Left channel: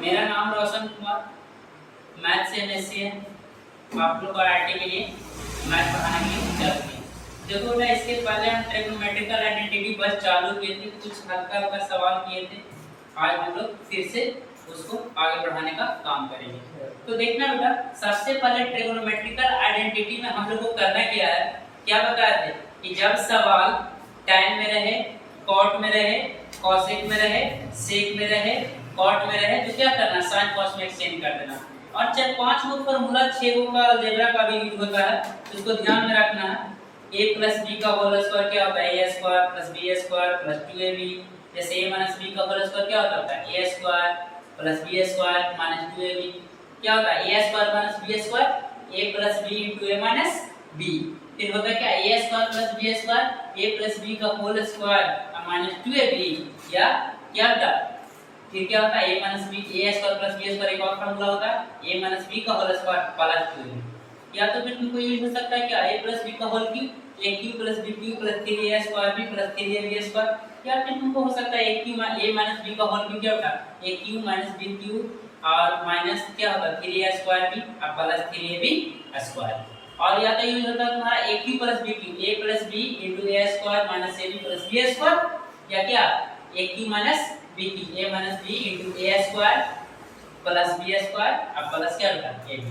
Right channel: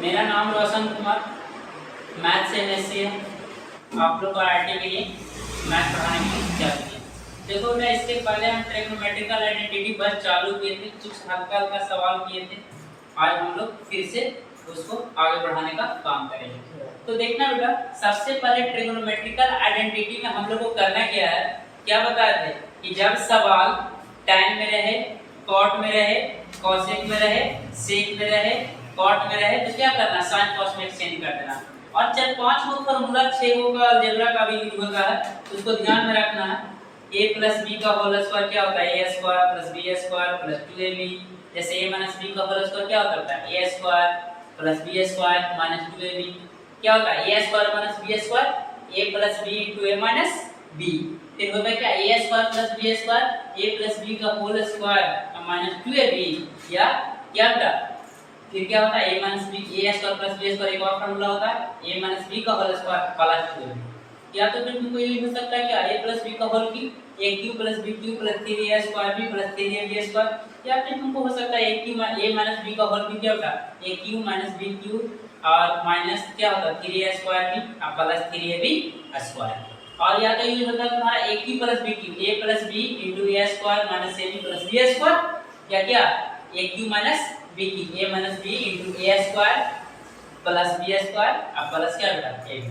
मेरा नाम रोशन कुमार, मैथ से एमएससी है। आप लोग को आईआईटी के लिए मैथ पढ़ाने के लिए चालू किया। देखो बेटा, इसके पहले हम ट्रिग्नोमेट्रिकल आइडेंटिटी बस चालू किए थे, कुछ हल्का हल्का सवाल किए थे। आज हम लोग फिर से उसको आगे बढ़ाने का काम करेंगे। तो देखना बेटा, सबसे पहले ट्रिग्नोमेट्रिकल आइडेंटिटी में हम लोग को करना क्या है, क्या बताए थे कि जब सवाल tan में रहे, cot में रहे, cosec में रहे, sec में रहे, cot में रहे, तो क्या करना, sin cos में एक्सचेंज कर देना। और जब 5 गो फार्मूला 6 गो का अलजेब्रा का भी यूज होता है, तो उसको ध्यान में रखना है। a + b का होल स्क्वायर क्या होता है, a² + b² + 2ab। जैसे a - b का होल स्क्वायर क्या होता है, a² + b² - 2ab। क्या होता है, a² - b², a + b * a - b। फिर होता है क्या, a² + b², a + b का होल स्क्वायर -2ab। या क्या होता है, फिर क्या होता है, a - b, a² + b² एक और फार्मूला होता है, a - b का होल स्क्वायर + 2ab। या तो फिर तुमको ये हो सकता है क्या, a + b का whole cube, a³ + b³ + 3a² + 3ab²। या फिर तुमको हो सकता है a - b का होल क्यूब क्या होता है, a³ - b³ और माइनस क्या होता है 3a² + 3ab²। और या तो ये होता है तुम्हारा a³ + b³ a + b * a² - ab + b²। या क्या, a³ - b³ a - b * a² + b² plus क्या बेटा ab।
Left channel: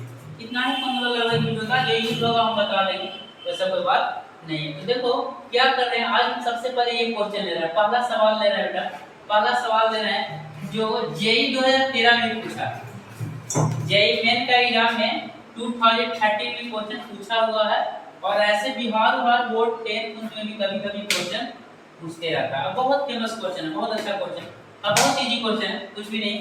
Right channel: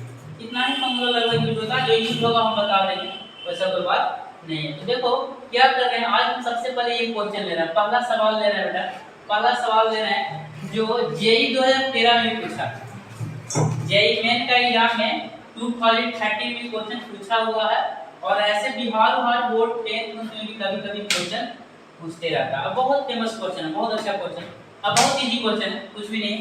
इतना ही फॉर्मूला लगभग यूज होता है, जो यूज होगा हम बता देंगे, वैसा कोई बात नहीं है। तो देखो क्या कर रहे हैं, आज हम सबसे पहले ये क्वेश्चन ले रहे हैं, पहला सवाल ले रहे हैं बेटा। पहला सवाल ले रहे हैं जो जेईई 2013 में पूछा, जेईई मेन का एग्जाम में 2030 में क्वेश्चन पूछा हुआ है। और ऐसे बिहार बोर्ड 10th में भी कभी-कभी क्वेश्चन पूछते रहता है। बहुत फेमस क्वेश्चन है, बहुत अच्छा क्वेश्चन, अब बहुत इजी क्वेश्चन है, कुछ भी नहीं।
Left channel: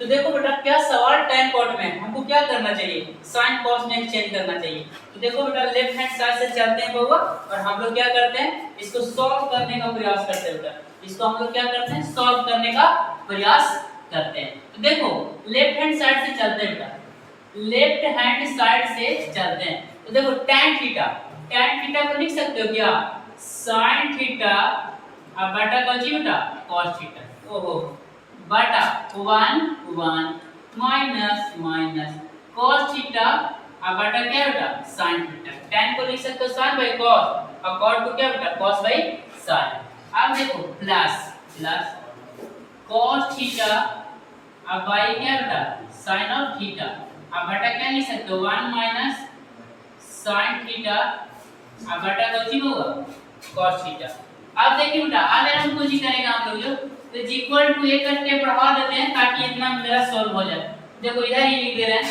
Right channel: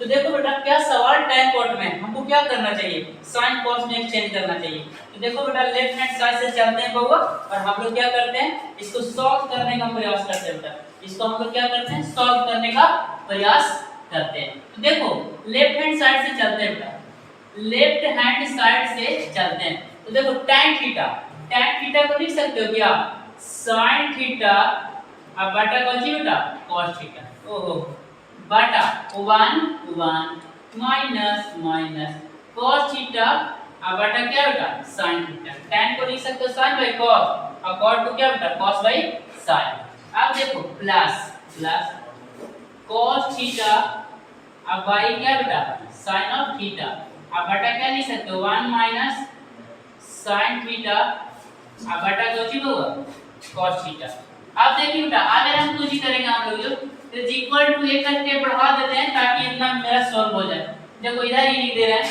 तो देखो बेटा, क्या सवाल tan cot में हमको क्या करना चाहिए, sin cos में एक्सचेंज करना चाहिए। तो देखो बेटा, लेफ्ट हैंड साइड से चलते हैं बउआ, और हम लोग क्या करते हैं, इसको सॉल्व करने का प्रयास करते हैं बेटा। इसको हम लोग क्या करते हैं, सॉल्व करने का प्रयास करते हैं। तो देखो लेफ्ट हैंड साइड से चलते हैं बेटा, लेफ्ट हैंड साइड से चलते हैं। तो देखो tan थीटा को लिख सकते हो क्या, sin थीटा अब बटा कौन बेटा, cos थीटा। ओहो, बटा 1 माइनस cos थीटा अब बटा क्या बेटा, sin थीटा। tan को लिख सकते हो sin / cos और cot को क्या बेटा, cos / sin। अब देखो प्लस cos थीटा अब बाई क्या बेटा, sin ऑफ थीटा अब बटा क्या लिख सकते हो, 1 माइनस sin थीटा अब बटा कौन होगा, cos थीटा। अब देखिए बेटा, अगर हम कुछ ही करेंगे हम लोग तो इक्वल टू ए करके बढ़ा देते हैं ताकि इतना मेरा सॉल्व हो जाए। देखो इधर ही लिख दे रहे हैं,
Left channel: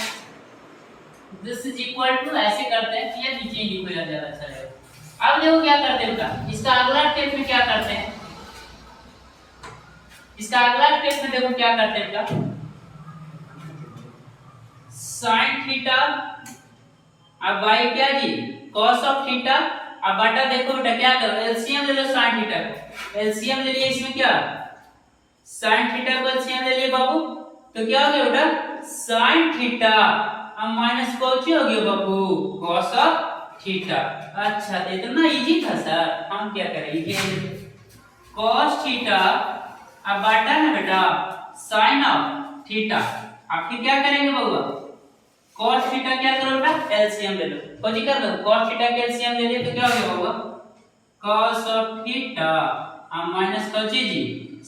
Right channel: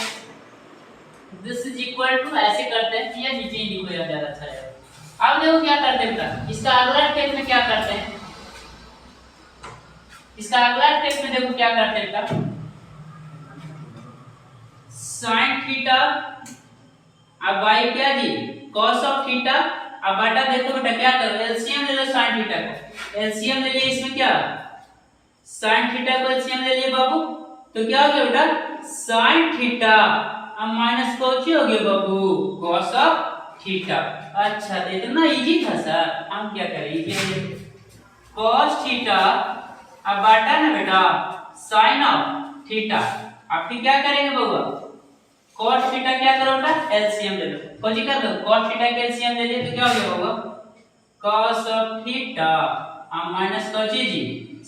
दिस इज इक्वल टू, ऐसे करते हैं या नीचे ही लिखो, ज्यादा अच्छा रहेगा। अब देखो क्या करते हैं बेटा, इसका अगला स्टेप में क्या करते हैं, इसका अगला स्टेप में देखो क्या करते हैं बेटा, sin थीटा अब बाई क्या जी, cos ऑफ थीटा अब बटा, देखो बेटा क्या कर रहे हैं, एलसीएम ले लो sin थीटा को, एलसीएम ले लिए इसमें क्या, sin थीटा को एलसीएम ले लिए बाबू, तो क्या हो गया बेटा, sin थीटा अब माइनस कौन हो गया बाबू, cos ऑफ थीटा। अच्छा तो इतना इजी था सर, हम क्या करेंगे, cos थीटा अब बटा ना बेटा sin ऑफ थीटा। अब फिर क्या करेंगे बाबू, cos थीटा क्या करो बेटा, एलसीएम ले लो, कौन कर लो, cos थीटा का एलसीएम ले लिए तो क्या हो गया बाबू, cos ऑफ थीटा अब माइनस कौन जी,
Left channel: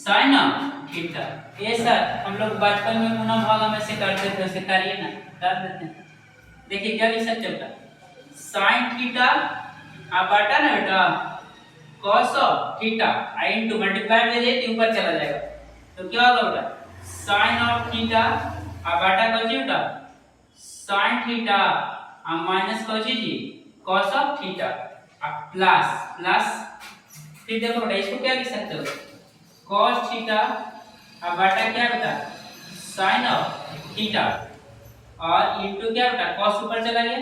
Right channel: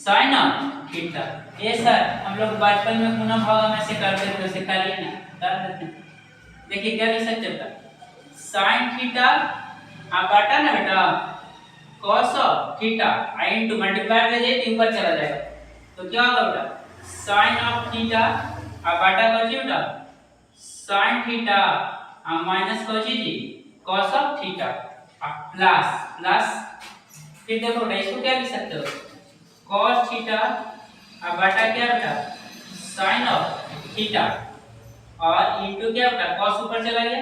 sin ऑफ थीटा। ये सर हम लोग बचपन में गुणा भागा में से करते थे, वैसे करिए ना, कर देते हैं। देखिए क्या लिख सकते बेटा, sin थीटा अब बटा ना बेटा cos of theta I into multiply कर दे तो ऊपर चला जाएगा, तो क्या होगा बेटा sin ऑफ थीटा अब बटा कौन बेटा sin थीटा अब माइनस कौन जी, cos ऑफ थीटा अब प्लस फिर देखो बेटा इसको क्या लिख सकते हो, cos थीटा अब बटा क्या बेटा sin ऑफ थीटा और इनटू क्या बेटा cos ऊपर चला गया,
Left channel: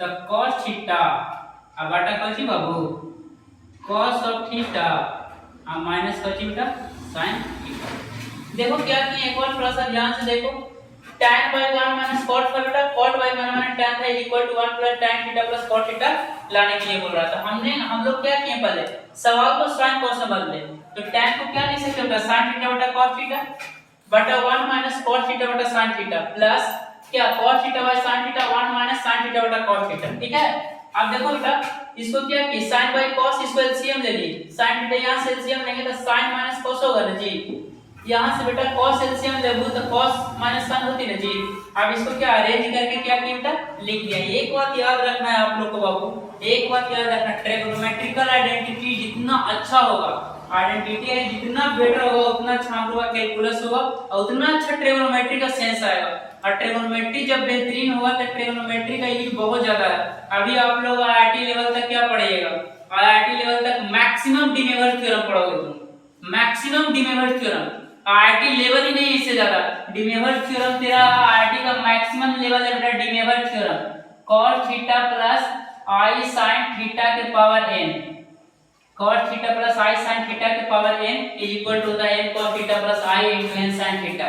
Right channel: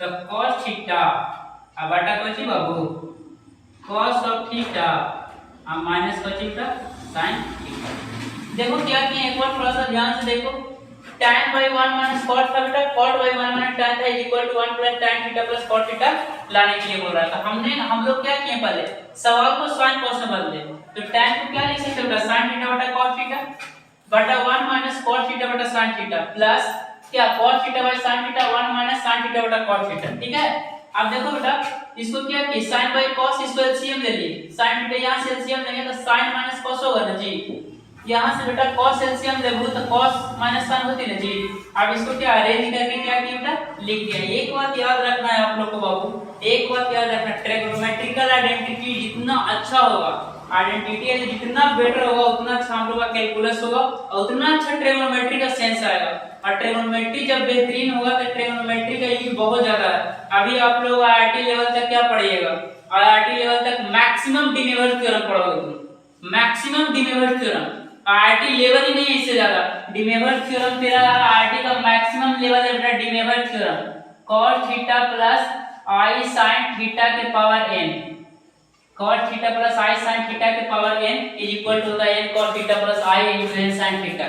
तो cos थीटा अब बटा कौन सी बाबू, cos ऑफ थीटा अब माइनस कौन सी बेटा sin थीटा। देखो क्या किए, एक बार थोड़ा सा ध्यान से देखो, tan by 1 minus cot था बेटा, cot by 1 minus tan था equal to 1 plus tan theta plus cot theta लाने के लिए बोल रहा था। हम लोग क्या किए, पहले सवाल को sin cos में बदल दे, तो tan को क्या लिख सकते हो बेटा, sin थीटा बटा cos थीटा बटा 1 माइनस cos थीटा बटा sin थीटा प्लस क्या cos theta by sin theta 1 minus sin theta बटा cos थीटा। ठीक है, अब देखो बेटा इसको क्या कि sin बाय cos इसको एलसीएम ले लिए, sin थीटा यहां से एलसीएम लेंगे तो sin माइनस cos होगा ना जी, यहां से बेटा cos एलसीएम लेबू तो cos माइनस sin होती ना जी। अब इसको क्या अरेंज करके क्या किया बेटा लिख दिया। एक बात याद रखना है आप लोग को बाबू, एक बात याद रखना, ट्रिग्नोमेट्रिकल आइडेंटिटी जितना अच्छा होगा, आइडेंटिटी है जितना बेटर होगा उतना अच्छा हम लोग का कैलकुलस होगा और उतना अच्छा ट्रिग्नोमेट्री का सेंस आएगा। और ट्रिग्नोमेट्री जब बेहतरीन होगा तो ट्रिग्नोमेट्री का यूज बहुत ज्यादा है। अभी आप लोग आईआईटी लेवल तक क्या पढ़िएगा, आईआईटी लेवल तक मैक्सिमम डिमेवर थ्योरम पढ़ोगे तुम, maximum De Moivre theorem. IIT level ही नहीं, इससे ज्यादा डिमेवर थ्योरम तेरा आईआईटी का मैक्सिमम लेवल है बेटा, De Moivre theorem cos theta plus i sin theta के power n, cos theta plus i sin theta के power n is equal to होता है n cos theta plus i into n sin theta.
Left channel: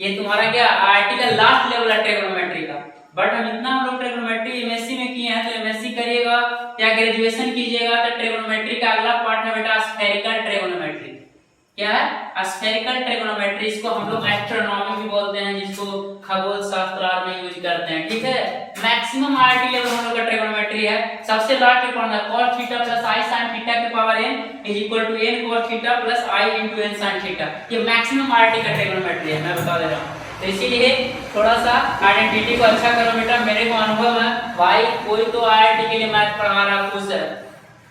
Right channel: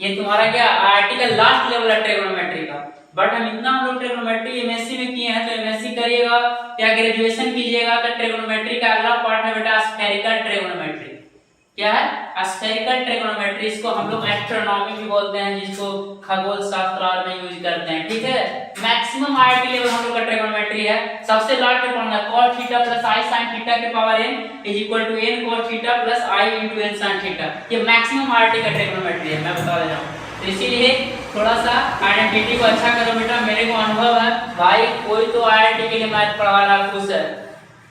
ये तुम्हारा क्या IIT का last level है trigonometry का। बट हम इतना हम लोग ट्रिग्नोमेट्री एमएससी में किए हैं, तो एमएससी करिएगा या ग्रेजुएशन कीजिएगा तो ट्रिग्नोमेट्री का अगला पार्ट है बेटा स्फेरिकल ट्रिग्नोमेट्री। क्या है स्फेरिकल ट्रिग्नोमेट्री, इसको हम लोग एस्ट्रोनॉमी भी बोलते हैं, जिसको खगोल शास्त्र में यूज करते हैं। ठीक है, मैक्सिमम आईआईटी लेवल हम लोग का ट्रिग्नोमेट्री है। सबसे लास्ट में पढ़ना cos theta plus i sin theta के power n is equal to n cos theta plus i into n sin theta. ये मैक्सिमम आईआईटी का ट्रिग्नोमेट्री है, मैं बता दे रहा हूं। तो इसीलिए थोड़ा सा आइडेंटिटी को अच्छा करो बेटा। मेरे को अनुभव है भाई, कोई तो आईआईटी के लिए मैथ पढ़ा रहा खुश है,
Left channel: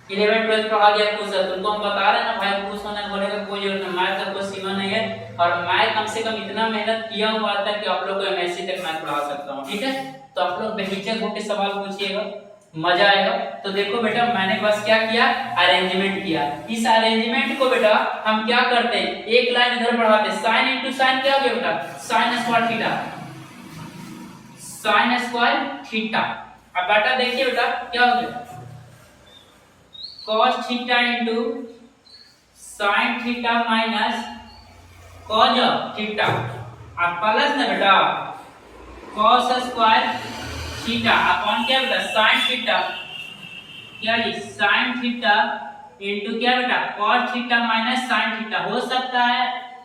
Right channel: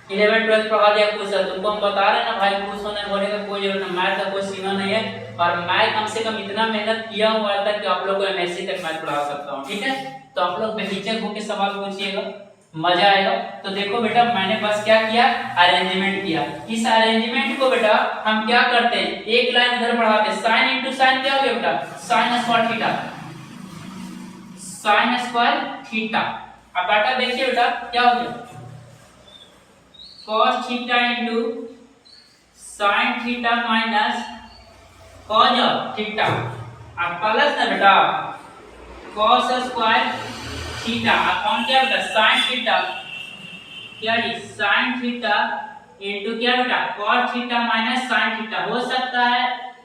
11 12 पढ़ा दिया खुश है, तुमको हम बता रहे हैं ना भाई, खुश होने बोले का कोई जरूरत नहीं, मैथ का कोई सीमा नहीं है। और मैं कम से कम इतना मेहनत किया हुआ था कि आप लोग को एमएससी तक मैथ पढ़ा सकता हूं। ठीक है, तो आप लोग बेहिचक होकर सवाल पूछिएगा, मजा आएगा। तो देखो बेटा मैंने बस क्या किया, अरेंजमेंट किया। इस अरेंजमेंट को बेटा हम क्या करते हैं, एक लाइन इधर बढ़ाते हैं, sin इनटू sin क्या हो गया बेटा, sin square theta, sin square theta. अब बेटा देखिए बेटा क्या हो गया, cos theta into sin theta minus cos theta, अब प्लस ना बेटा cos स्क्वायर थीटा अपॉन क्या बेटा sin थीटा, क्या ये sin थीटा इनटू क्या बेटा cos theta minus sin theta. हो सकता है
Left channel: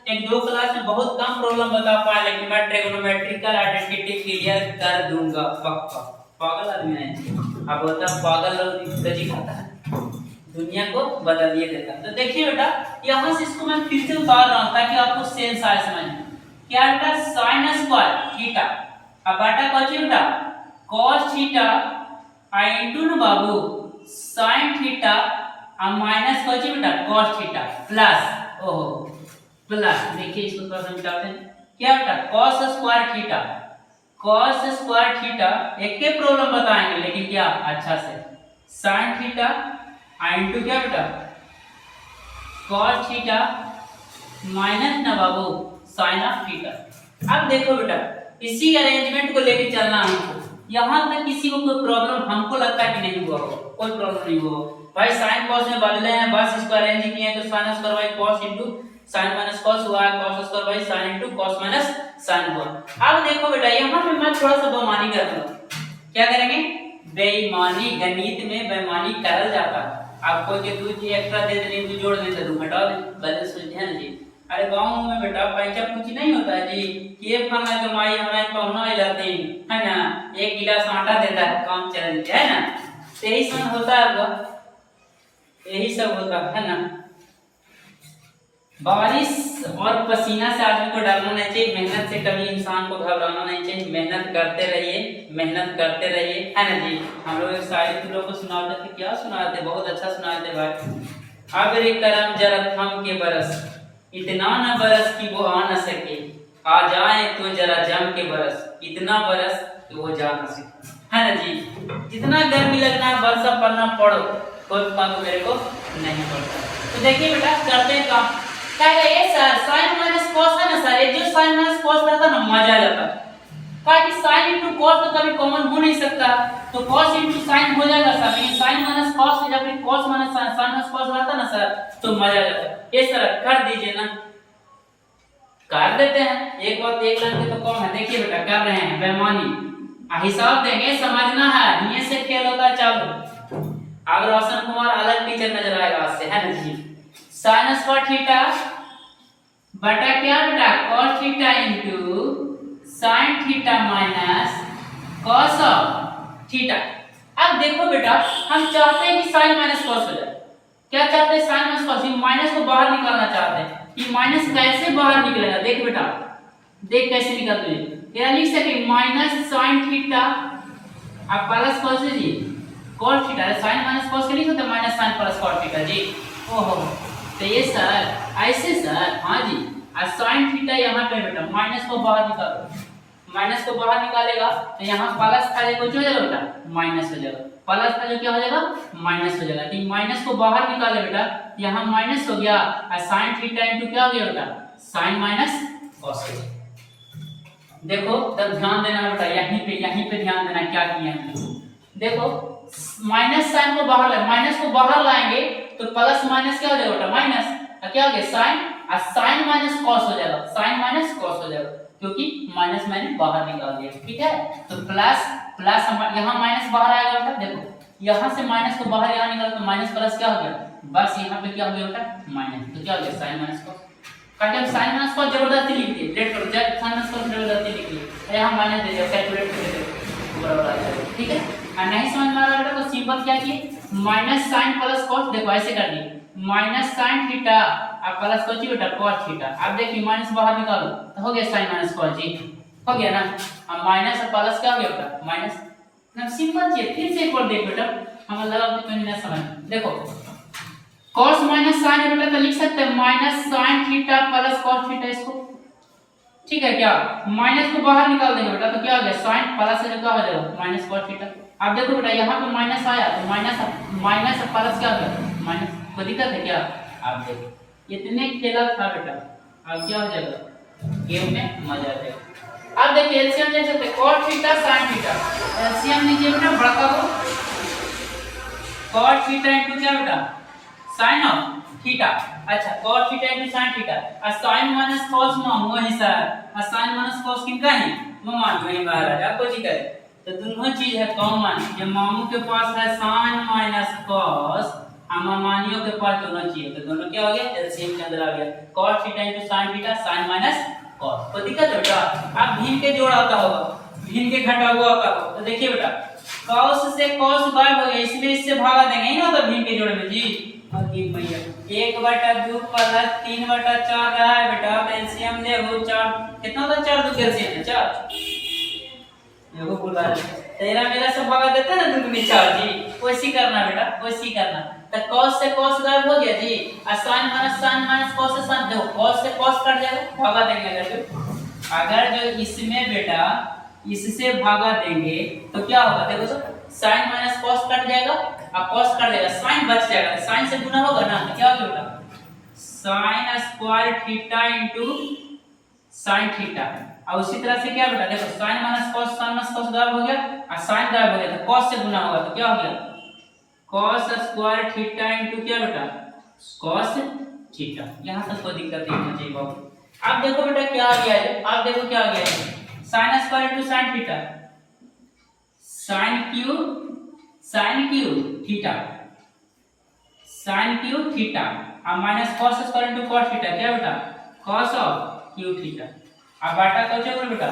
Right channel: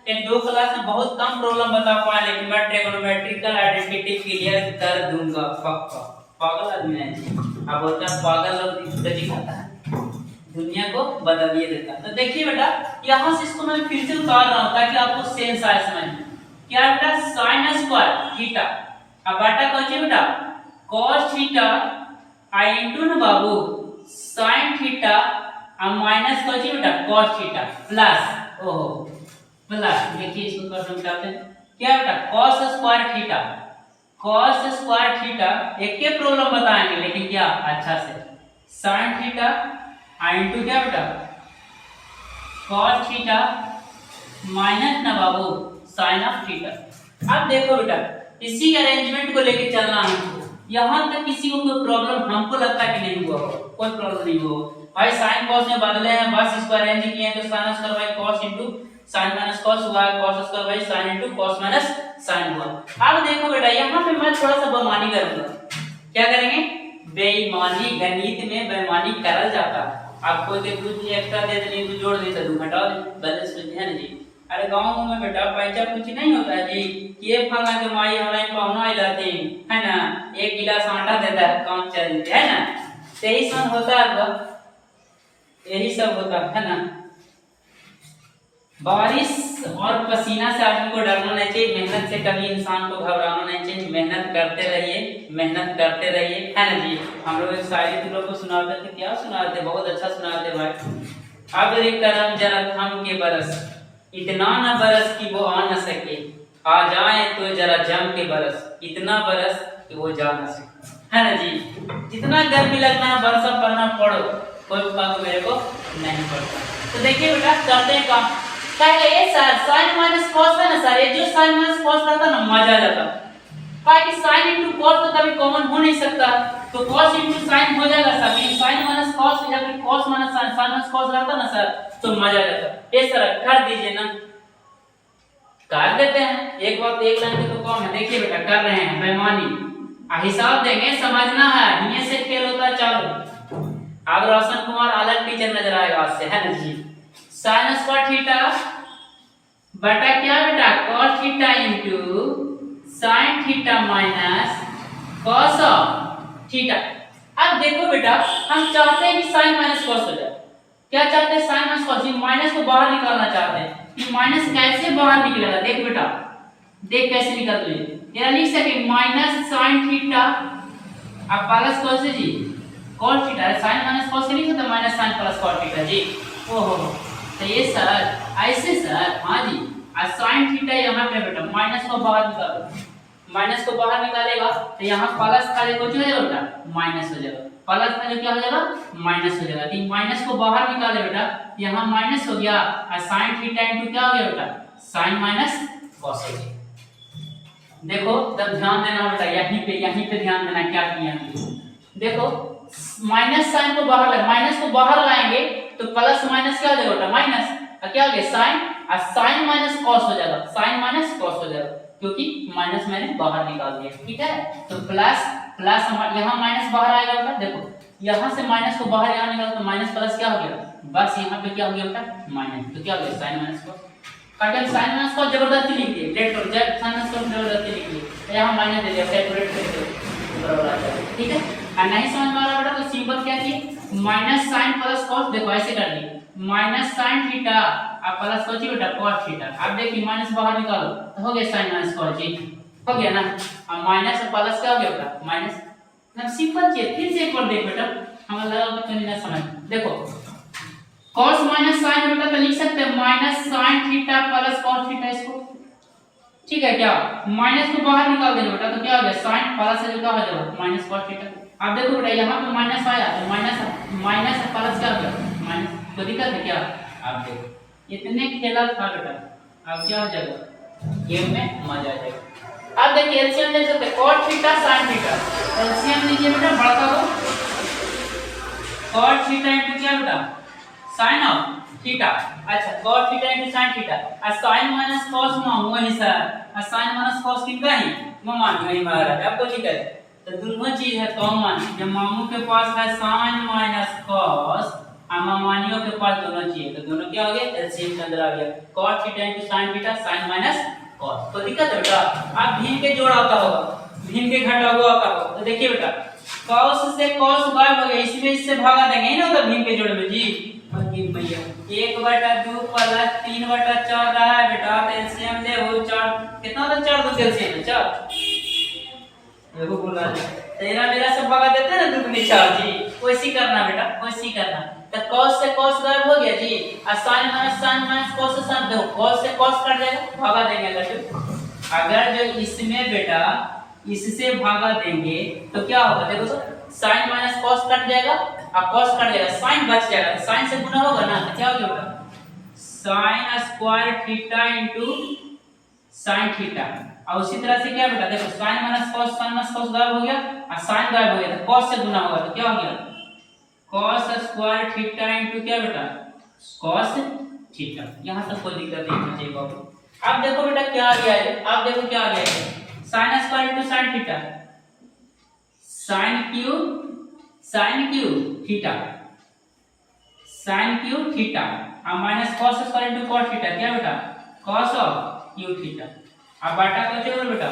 एक दो क्लास में बहुत कम प्रॉब्लम बता पाए, लेकिन मैं ट्रिग्नोमेट्रिकल आइडेंटिटी क्लियर कर दूंगा पक्का। पागल आदमी है, अब बोलता है पागल लोग दजी खाता है, दुनिया को बदल दिए देता। तो देखिए बेटा यहां से इसको मैं फिर से उतार रहा हूं ताकि आपको सेंस आए समझ में। क्या बेटा sin स्क्वायर थीटा, अब बेटा कौन सी बेटा cos थीटा आई इनटू ना बाबू sin थीटा अब माइनस कौन सी बेटा cos थीटा प्लस ओहो प्लस, देखिए इसको थोड़ा सा मिटाते हैं, क्या बेटा cos square theta, cos square theta एक के प्रॉब्लम बताएंगे लेकिन क्या अच्छा से, sin थीटा इनटू क्या बेटा cos थीटा माइनस ना बाबू sin ऑफ थीटा। अब देखो बेटा इसी अरेंजमेंट को लेके चलना हमको, यहां तक किसी को कोई प्रॉब्लम हमको लगता है कि नहीं हुआ हो, कोई प्रॉब्लम नहीं हुआ भाई। sin cos में बदले हैं, बस इसको अरेंज किए हैं तो sin square by cos into sin minus cos हुआ है, cos square by sin into cos minus sin हुआ। अब देखो बेटा यहां पे मैं थोड़ा सा बेईमानी करूंगा, क्या करेंगे बेईमानी, गणित में बेईमानी करल जाता है। आप कोई के कुछ एक्स्ट्रा दे दे तो जोड़ दे तो घटा दे, बैलेंस में ध्यान जी। अरे गांव में बेटा पैसा कुछ नहीं होता है जी, ये फंगा के माई हमारे पहुना ही रहते हैं है ना, एक गिलास आटा देता है काम चल जाता है ना, यही सब होता है, यही सब होता है ना। बारिश और पसीना से आदमी को डरना नहीं चाहिए, मेहनत से कभी इंसान को घबराना नहीं चाहिए, मेहनत करते रहिए, मेहनत करते रहिए है ना जी। हम लोग एक शायरी तुम लोग को सुनाते थे, क्या सुनाते, बहुत अच्छा सुनाते भाई। अगर करम जरा थम के बरस, इतना न बरस कि वो आ न सके, आ जाए तो जरा जम के बरस, इतना बरस कि वो जा न सके है ना जी। जितना गर्मी लगना है बरसा पड़ना पड़ो, कोई फर्क मेरे को नहीं पड़ता। तो देखिए बेटा करते हैं काम, कहेगा ये सर sin माइनस cos था ना सर, ये जो sin माइनस cos रहता ना मजा आ जाता, कहा कि sin इनटू cos तो कभी कॉमन हो नहीं सकता, तो cos इनटू sin हो जाएगा सर, लेकिन sin माइनस cos या फिर cos minus sin, sin minus cos रहता ना सर तो मजा आ जाता। ये सर कर दीजिए ना, कर देते हैं, एक बात एक लाइन के तो कम है। देखिए बेटा कर रहे हैं बेईमानी, हिसाब देंगे, समझना है, ये से खेल होता है चालू। अब रोशन कुमार अलग टीचर नजर आएगा आज से है ना जी। sin स्क्वायर थीटा बटा क्या बेटा cos theta into sin theta minus cos of theta. अब देखो बेटा हम चाहते हैं कि sin माइनस cos हो जाए। क्या चाहते हैं sin माइनस cos, माइनस को बाहर निकालना चाहते हैं कि माइनस कैसे बाहर निकलेगा। देख बेटा देख कैसे निकलते हैं, ये लिख सके माइनस sin थीटा अब प्लस cos जी cos theta, sin minus cos के लिख सकते हैं minus sin plus cos theta जी। ओहो तो ये सर ऐसे सर, हाँ जी। और sin थीटा यहाँ पे बेटा माइनस को बाहर निकालो, माइनस को बाहर निकालेगा तो यहाँ प्लस था जो कुछ हो जाएगा बेटा माइनस हो जाएगा, प्लस था जो क्या हो जाएगा माइनस हो जाएगा। तो माइनस को बाहर निकाले बेटा, यहाँ माइनस हो गया और sin थीटा इनटू क्या हो गया बेटा sin माइनस cos हो गया। देखो तब ध्यान देना बेटा, यहीं पे ध्यान देना क्या किया हमने। देखो माइनस साइन को बाहर लाए, माइनस को बाहर लाएंगे तो प्लस माइनस क्या हो जाएगा बेटा माइनस, और क्या हो गया साइन, और साइन माइनस कॉस हो जाएगा, साइन माइनस कॉस हो जाएगा क्योंकि माइनस मैंने बाहर निकाल दिया। ठीक है तो प्लस प्लस यहाँ माइनस बाहर आएगा बेटा, देखो यहाँ से माइनस को बाहर यहाँ निकाला तो माइनस प्लस क्या हो गया, बस यहाँ पे क्या हो गया बेटा माइनस, तो क्या हो गया साइन माइनस कॉस। काटे साइन माइनस कॉस जबरदस्ती लिख दिए, लेट करो जब साइन माइनस कॉस जबरदस्ती लिख दिए, यहाँ माइनस दे दिया, कैलकुलेट करके बराबर आ जाएगा। ठीक है और नहीं समझ में आ रहा बेटा तो सिंपल क्या किए माइनस साइन प्लस कॉस, देखो ऐसे कर लिए माइनस साइन थीटा और प्लस कॉस बेटा कॉस थीटा। अब देखिए माइनस बाहर निकालो तो हो गया साइन माइनस कॉस जी, हो गया ना। और माइनस और प्लस क्या हो गया बेटा माइनस, ना सिंपल चीज। फिर से एक बार देख बेटा, हमें लगा कि कहीं ना समझ, देखो cos माइनस sin बेटा तो लिख सकते हैं minus sin theta plus cos theta इसको। ठीक है क्या, माइनस को बाहर निकाल देंगे बेटा तो क्या हो गया sin प्लस से क्या हो जाएगा माइनस cos थीटा। अब देखो बेटा यहाँ पे माइनस आया तो माइनस प्लस क्या हो गया माइनस, कोई दिक्कत है क्या। अब देखो इतने खेला था बेटा, अब क्या हो जाएगा गेम में मजा आ जाएगा। अब देखिए एलसीएम देख सकते हैं cos theta sin theta, LCM लीजिए बेटा भड़का दो, cos थीटा इनटू क्या बेटा sin ऑफ थीटा, अच्छा cos theta into sin theta और sin माइनस cos मामू है सर, और sin माइनस cos किनका है मान नहीं महाराज, आपको ठीक है तो दोनों चीज है कॉमन, जब मामू के पास है sin माइनस cos और मामानियों के पास दोनों चीज है तो दोनों क्या हो गया एलसीएम के अंदर आ गया cos theta into sin theta sin minus cos। कोई दिक्कत है बेटा, आप भिन्न के जोड़ आता होगा भिन्न के घटा हुआ आता होगा तो देखिए बेटा cos से cos गायब हो गया, इसमें इससे भागा देंगे ही ना तो भिन्न के जोड़ में जी भैया 1/2 प्लस 3/14 है बेटा, तो एलसीएम ले वो 4 कितना होता है 4 2 एलसीएम है 4, देखो बोला तेरा मेरा सब भागा देते हैं ना 2 दूनी 4 जी, वैसी करना बेटा वैसी करना। तो cos से cos गायब हो गया जी और sin माइनस cos से sin, देखो cos से cos कट जाएगा भागा देंगे अगर जो इसमें बेटा इससे भागा देंगे तो क्या होगा देखो तो sin माइनस cos कट जाएगा और cos कट जाएगा sin बच जाएगा, sin से गुना होगा ना तो क्या होगा बेटा sin square theta into sin theta. और उसी तरह से क्या बेटा देखो sin माइनस cos गायब हो गया और sin गायब हो गया तो cos से गुना होगा तो क्या हो गया cos स्क्वायर थीटा इनटू क्या बेटा cos थीटा। यहां तक कोई दिक्कत नहीं होनी चाहिए बाबू। अब देखो बेटा क्या आ गया है, अब देखो क्या आ गया है sin square into sin theta, sin cube theta sin cube theta और minus cos square into cos theta क्या बेटा cos ऑफ क्यूब थीटा। अब बाटा क्या होगा बेटा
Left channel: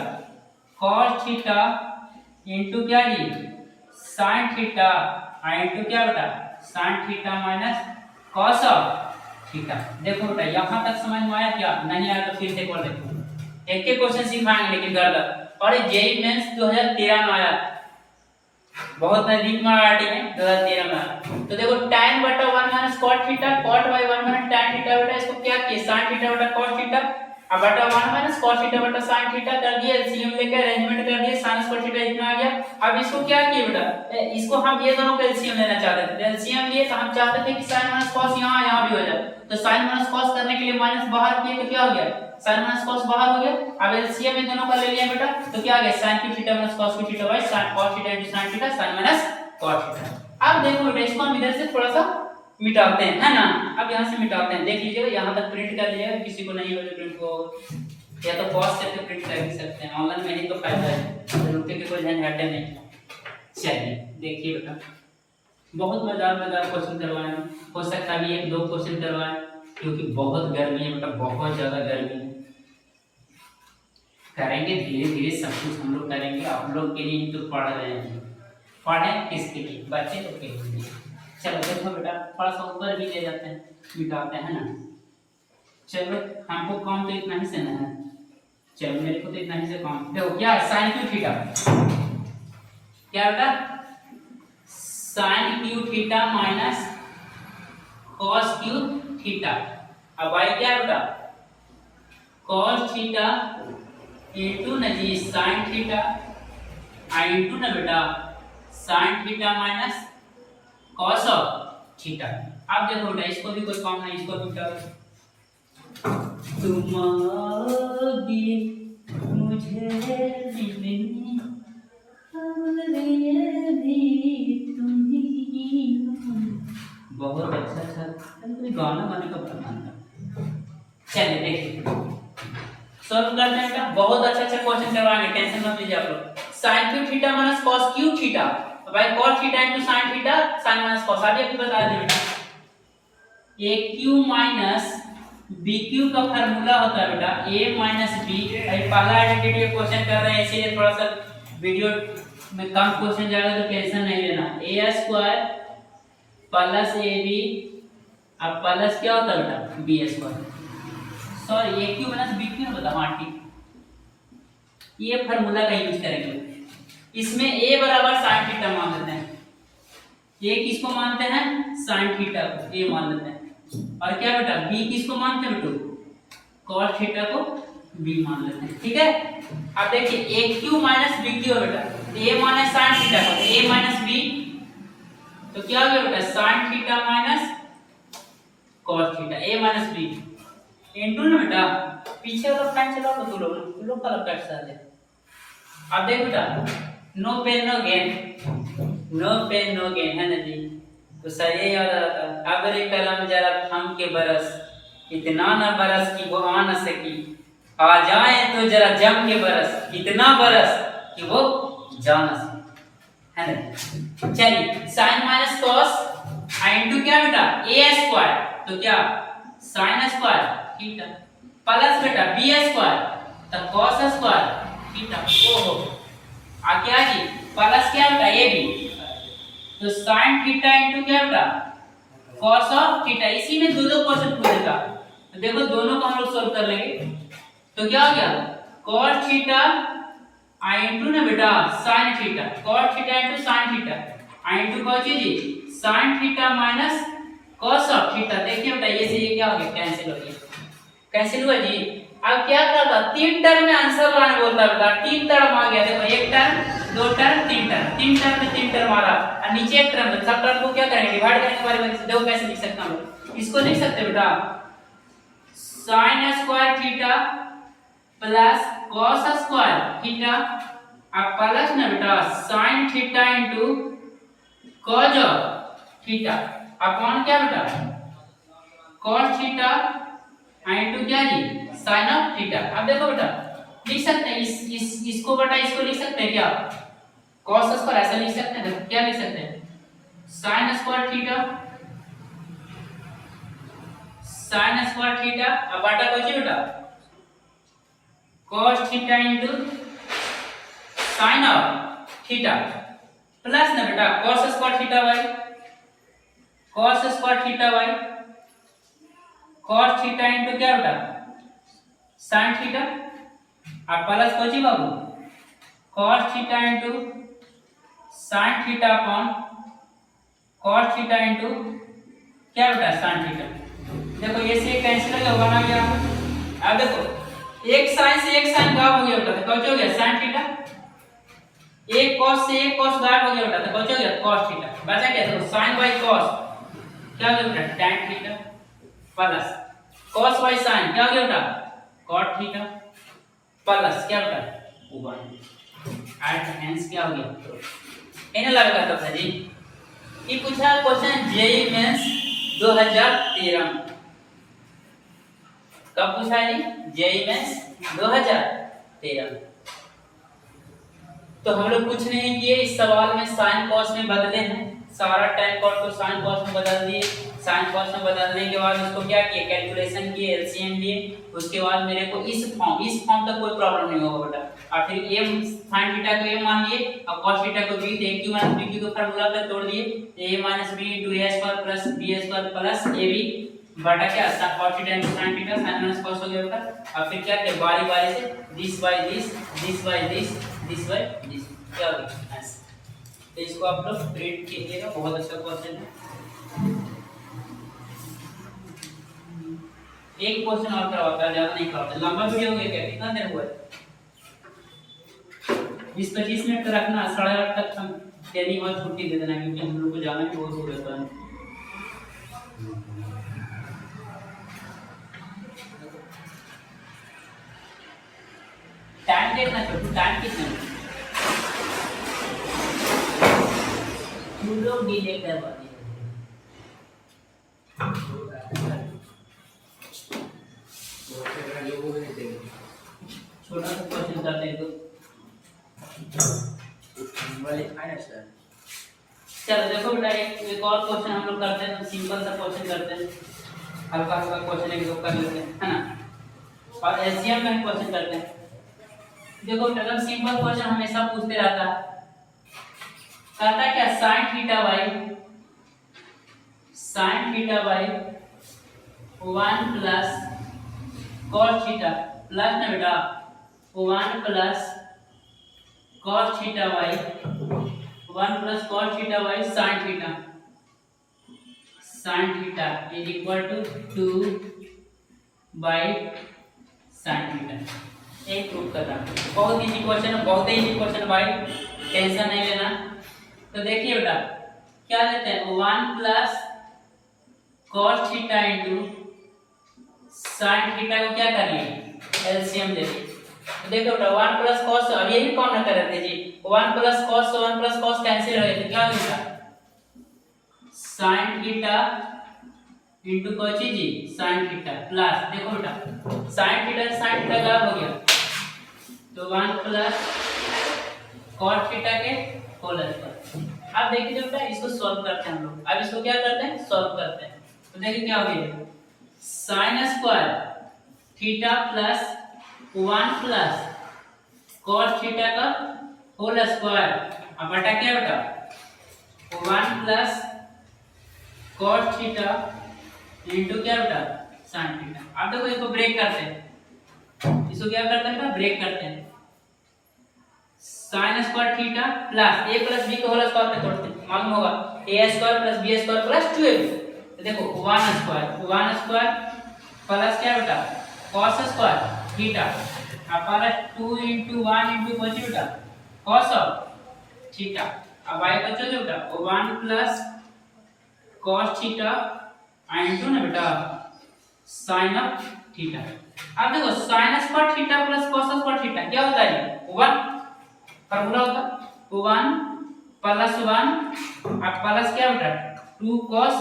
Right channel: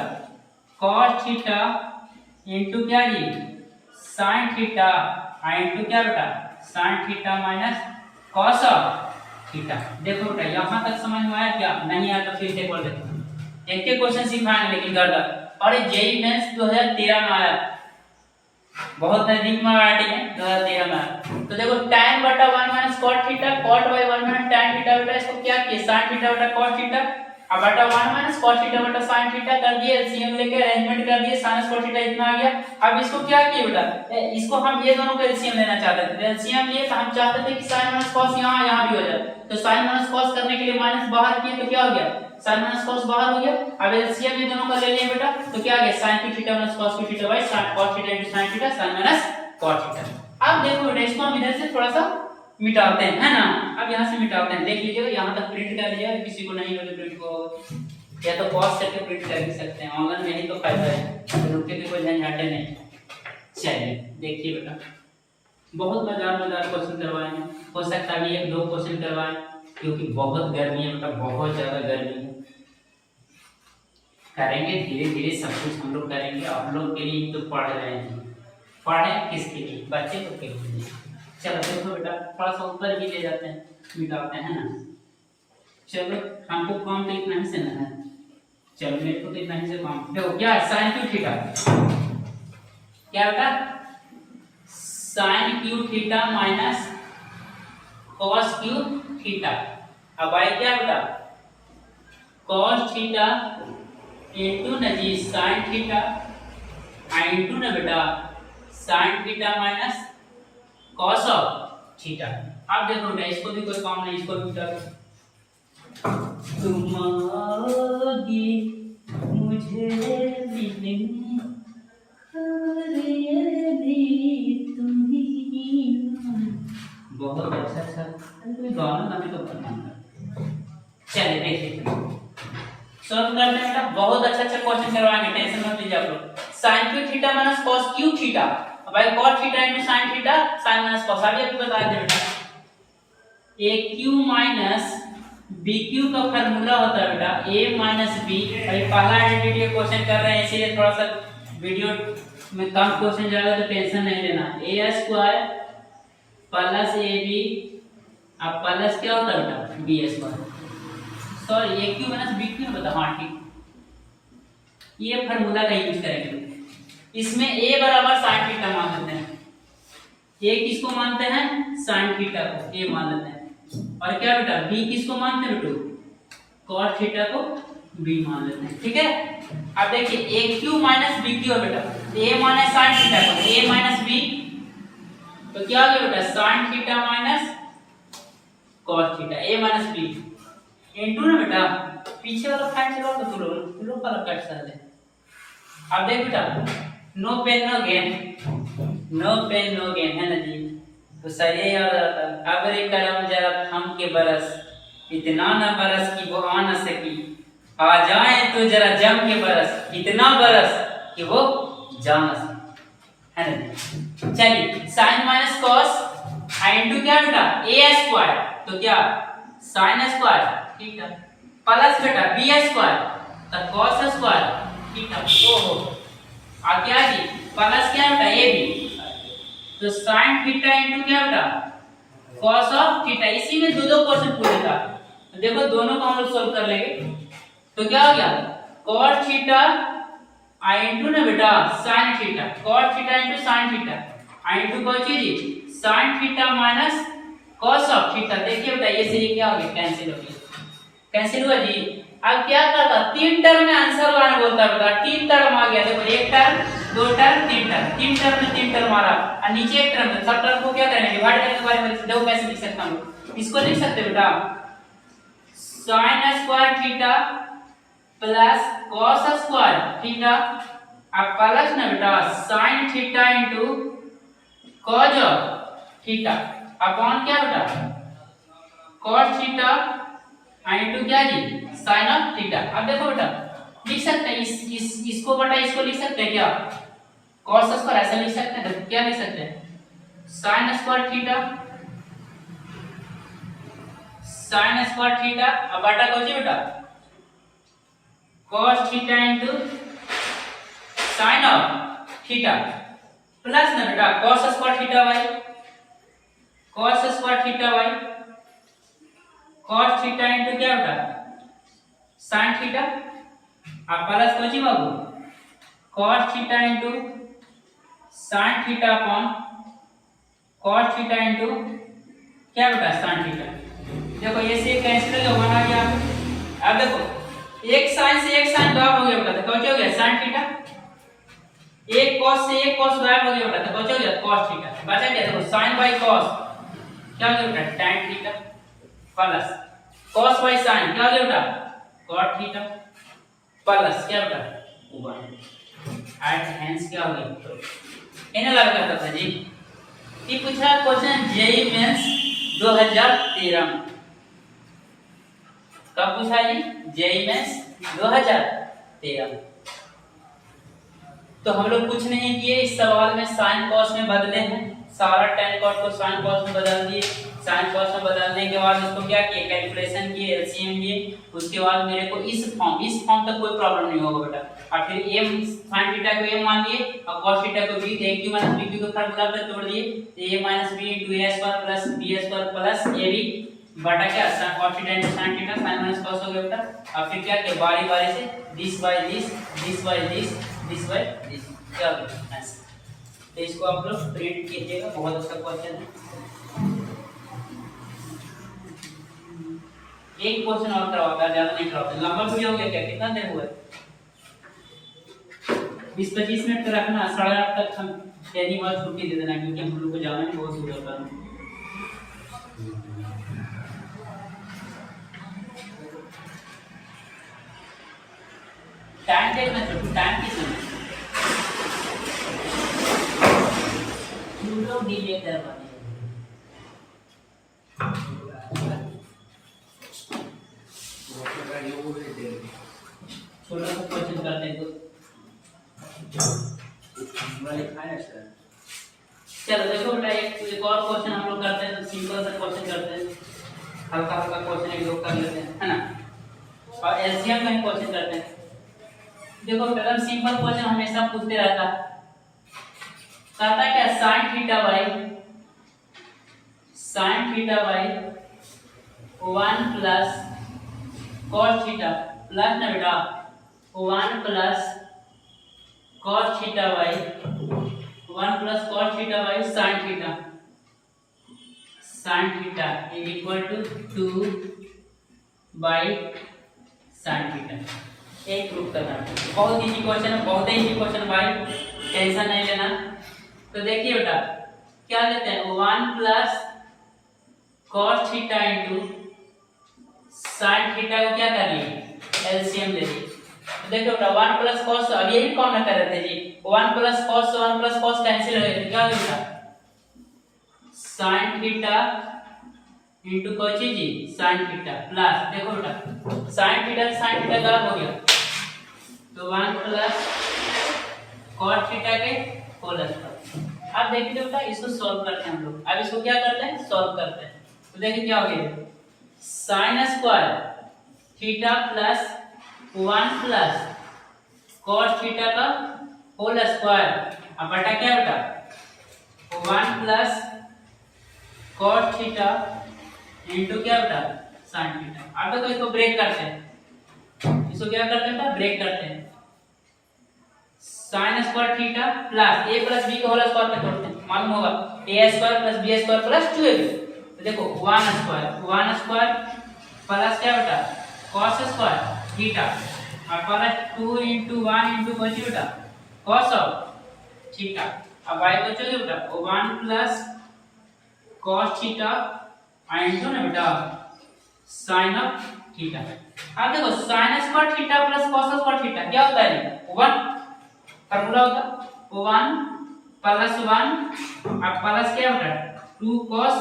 cos थीटा इनटू क्या जी sin थीटा और इनटू क्या बेटा sin theta minus cos of theta. देखो बेटा यहाँ तक समझ में आया क्या, नहीं आया तो फिर से एक बार देखो, एक एक क्वेश्चन सिखाएंगे लेकिन घर तक। और ये जेईई मेंस 2013 में आया, बहुत नजदीक में आया है 2013 में आया। तो देखो tan बटा 1 minus cot theta, cot by 1 minus tan theta बेटा, इसको क्या किया sin थीटा बटा cot थीटा अब बटा 1 माइनस cos थीटा बटा sin थीटा कर दिए, एलसीएम लेके अरेंजमेंट कर दिए, sin स्क्वायर थीटा इतना आ गया। अब इसको क्या किए बेटा, इसको हम ये दोनों का एलसीएम लेना चाहते थे, एलसीएम लिए तो हम चाहते थे कि sin माइनस cos यहाँ भी हो जाए, तो sin माइनस cos करने के लिए माइनस बाहर किए तो क्या हो गया sin माइनस cos बाहर हो गया। अब एलसीएम ये दोनों का ले लिया बेटा तो क्या आ गया sin की थीटा माइनस cos की theta by sin cos theta into sin theta sin minus cos theta. अब देखो बेटा इसको हम इधर से थोड़ा सा मिटाते हैं है ना, अब यहाँ से मिटाते हैं, देख लीजिएगा यहाँ तक प्रिंट कर लीजिएगा, किसी को नहीं हो तो प्रिंट को या तो पॉज करके प्रिंट कर भी सकते हैं, ऑनलाइन में ही तो फायदा है, तो रुपये की कोई झंझट नहीं। चलिए देखिए बेटा बहुत मजेदार क्वेश्चन करवाए हैं, हो सकता है 1-2 क्वेश्चन करवाए क्योंकि बहुत गर्मी है बेटा, बहुत ज़्यादा गर्मी है। करेंगे धीरे धीरे सब कुछ हम लोग करेंगे, आप लोग के लिए ही तो पढ़ रहे हैं। पढ़ें किसके लिए? बच्चे लोग के लिए। चलो देखो बेटा, थोड़ा सा ऊपर भी ले जाते हैं, मिटाते हैं ना। चलो हमको काम तो इतना ही से ना है, चलो मेरे को तो इतना ही से काम। देखो क्या है, साइन क्यू थीटा, क्या बेटा, sine cube theta minus cos cube theta. अब आई क्या बेटा, कॉस थीटा इंटू न जी साइन थीटा इंटू न बेटा sine theta minus cos of theta. अब देखो बेटा, इसको भी कोई काम नहीं, इसको भी उठा लो। तुम आओगी मुझे मिलने, बहुत अच्छा अच्छा गाना गाने का बनना। चलिए देखिए, सॉल्व करते हैं बेटा, बहुत अच्छा अच्छा क्वेश्चन करवाएंगे, टेंशन मत लीजिए आप लोग। sin Q theta minus cos Q theta, भाई cos theta into sin theta, sin minus cos, अभी आपको बता दे बेटा, aq माइनस bq का फार्मूला होता है बेटा a माइनस b। भाई पहला आइडेंटिटी का क्वेश्चन कर रहे हैं, इसीलिए थोड़ा सा वीडियो में कम क्वेश्चन जाएगा, तो टेंशन नहीं लेना। a स्क्वायर प्लस ab, अब प्लस क्या होता है बेटा b square, sorry aq minus bq ना बता, हाँ ठीक, ये फार्मूला का यूज करेंगे। इसमें a बराबर sin थीटा मान लेते हैं, a किसको मानते हैं, sin थीटा को a मान लेते हैं, और क्या बेटा b किसको मानते हैं बेटो, cos थीटा को b मान लेते हैं, ठीक है। अब देखिए aq माइनस bq है बेटा, a माइनस sin थीटा को a माइनस b, तो क्या हो गया बेटा sin theta minus cos theta a minus b into ना बेटा, पीछे वाला फैन चलाओ तो तुम लोग का कट सा है। अब देख बेटा, no pain no gain, no pain no gain है ना जी, तो सही याद आता। अगर ये कलम जरा थम के बरस, इतना ना बरस कि वो आ न सकी, आ जाए तो जरा जम के बरस, इतना बरस कि वो जा न सके, है ना। चलिए साइन माइनस कॉस इनटू क्या बेटा a स्क्वायर, तो क्या साइन स्क्वायर थीटा प्लस बेटा b स्क्वायर, तो cos स्क्वायर थीटा। ओहो, आ क्या जी प्लस क्या बेटा ab, तो sin थीटा इनटू क्या बेटा cos ऑफ थीटा। इसी में दो क्वेश्चन पूछा था, तो देखो दोनों को हम लोग सॉल्व कर लेंगे। तो क्या हो गया cos थीटा इनटू ना बेटा sin theta, cos theta into sin theta into कौन चीज जी sin theta minus cos of theta. देखिए बेटा ये से ये क्या हो गया, कैंसिल हो गया, कैंसिल हुआ जी। अब क्या करता, तीन टर्म में आंसर वन बोलता है बेटा, तीन टर्म आ गया, देखो एक टर्म, दो टर्म, तीन टर्म, तीन टर्म में तीन टर्म आ रहा, और नीचे एक टर्म, सब टर्म को क्या करेंगे डिवाइड करने के बारे में देखो कैसे लिख सकता हूं। इसको लिख सकते बेटा sin square theta plus cos square theta, अब प्लस ना बेटा sin theta into cos theta upon क्या बेटा cos थीटा इनटू क्या जी sin ऑफ थीटा। अब देखो बेटा लिख सकते हैं इसको बेटा, इसको लिख सकते हैं क्या cos स्क्वायर, ऐसा लिख सकते हैं, देखो क्या लिख सकते हैं sin square theta, sin square theta, अब बटा को जी बेटा cos theta into sin of theta plus ना बेटा cos square theta y, cos square theta y, cos theta into क्या बेटा sin थीटा, अब प्लस को जी बाबू cos theta into sin theta upon cos theta into क्या बेटा sin थीटा। देखो ये से कैंसिल हो गया, वन आ गया। अब देखो एक sin से एक sin गायब हो गया बेटा, तो क्या हो गया sin थीटा, एक cos से एक cos गायब हो गया बेटा, तो क्या हो गया cos थीटा, बचा क्या देखो sin बाय cos क्या हो गया बेटा tan theta plus cos by sin क्या हो गया बेटा cot थीटा प्लस क्या बेटा 1 एट हेंस क्या हो गया, इन्हें लगा करता था जी। ये पूछा क्वेश्चन जेईई मेंस 2013 में, कब पूछा जी जेईई मेंस 2013। तो हम लोग कुछ नहीं किए, इस सवाल में साइन कॉस में बदले हैं, सारा tan cos को sin cos में बदल दिए, sin cos में बदलने के बाद उसको क्या किए, कैलकुलेशन किए, एलसीएम लिए, उसके बाद मेरे को इस फॉर्म तक कोई प्रॉब्लम नहीं होगा बेटा। और फिर m sin थीटा को m मान लिए और cos थीटा को b, a q minus b q को फार्मूला पे तोड़ दिए, a minus b into a square plus b square plus ab बटा क्या cos theta into sin theta, sin minus cos हो गया बेटा। और फिर क्या किया, बारी बारी से this by this, this by this, this by this, क्या हो गया आंसर। तो इसको आप लोग रीड कीजिएगा, बहुत अच्छा क्वेश्चन है। एक क्वेश्चन और करवाता है, ज्यादा नहीं करवाता, लंबा वीडियो हो गया क्या, कितना देर हुआ है, 20-25 मिनट का रखना, 8:30 तक हम ट्रेनिंग और छुट्टी दे देना, क्योंकि हम लोग को जाना भी बहुत दूर होता है। टाइम देखना छोटू, टाइम कितना है, तू लोग डिले करवा दिए। छोटा सा क्वेश्चन करते हैं तो चलो देखो बेटा, एक और क्वेश्चन हम लोग करते हैं, सिंपल सा क्वेश्चन करते हैं, हल्का हल्का क्वेश्चन एक दो कर लेते हैं, है ना। और एलसीएम का क्वेश्चन करते हैं। देखो बेटा, सिंपल क्वेश्चन हमेशा पूछते रहता है, कहता क्या, sin theta by 1 plus cos theta plus ना बेटा 1 plus cos theta by 1 plus cos theta by sin theta is equal to 2 by sin theta. एक प्रूफ करना, बहुत इजी क्वेश्चन है, बहुत इजी क्वेश्चन भाई, टेंशन नहीं लेना। तो देखिए बेटा, क्या लेते हैं, 1 plus cos theta into sin theta को क्या कर लिए, एलसीएम ले लिए। तो देखो बेटा, 1 प्लस cos, अब ये भी कौन ना कर रहे थे जी, 1 प्लस cos से 1 प्लस cos कैंसिल हो गया, तो क्या हो गया, sin थीटा इंटू कोची जी sin थीटा प्लस, देखो बेटा sin थीटा गलत हो गया, तो 1 प्लस cos थीटा के होल स्क्वायर। अब देखिए बेटा, इसको सॉल्व करते हैं हम लोग, अब इसको क्या करते हैं, सॉल्व करते हैं। तो देखिए क्या हो गया, sin square theta plus 1 plus cos theta का होल स्क्वायर, अब बटा क्या बेटा 1 प्लस cos थीटा इनटू क्या बेटा sin थीटा। अब देखो इसको ब्रेक करते हैं, इसको क्या करते हैं, ब्रेक करते हैं, sin square theta plus a plus b के होल स्क्वायर पे तोड़ते हैं, मालूम होगा a square plus b square plus 2ab। तो देखो 1 स्क्वायर प्लस क्या बेटा cos स्क्वायर थीटा और प्लस 2 into 1 into कोची बेटा cos ऑफ थीटा। अब y बचोगे बेटा 1 प्लस cos थीटा इनटू ना बेटा sin ऑफ थीटा। अब देखो sin square theta plus cos square theta क्या होता है, 1 फार्मूला होगा 1 प्लस 1 और प्लस क्या बेटा 2 cos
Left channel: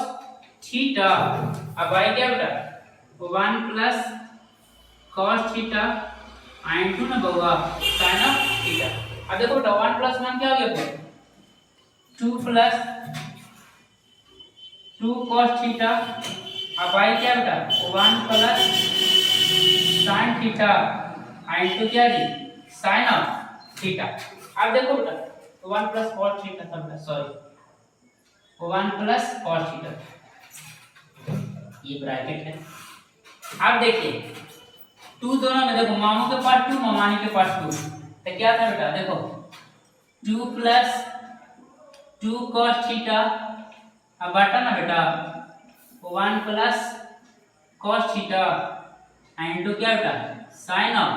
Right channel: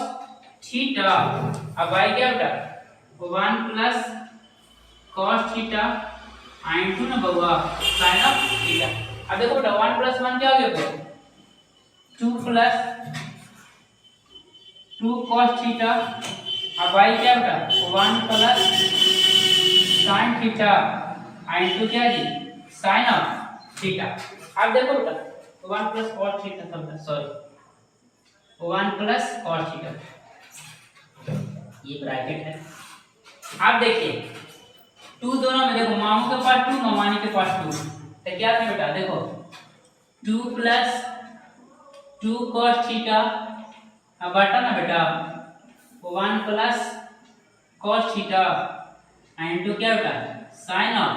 थीटा, अब y क्या बेटा 1 प्लस cos थीटा इनटू ना बउआ sin ऑफ थीटा। अब देखो बेटा 1 प्लस 1 क्या हो गया, 2 प्लस 2 cos थीटा, अब y क्या बेटा 1 प्लस sin थीटा इनटू क्या जी sin ऑफ थीटा। अब देखो बेटा 1 प्लस cos थीटा था बेटा, सॉरी 1 प्लस cos थीटा, ये ब्रैकेट है। अब देखिए 2 दोनों में देखो, मामू के पास 2 मामानी के पास 2, तो क्या था बेटा देखो 2 प्लस 2 cos थीटा अब बटा ना बेटा 1 प्लस cos थीटा इनटू क्या बेटा sin ऑफ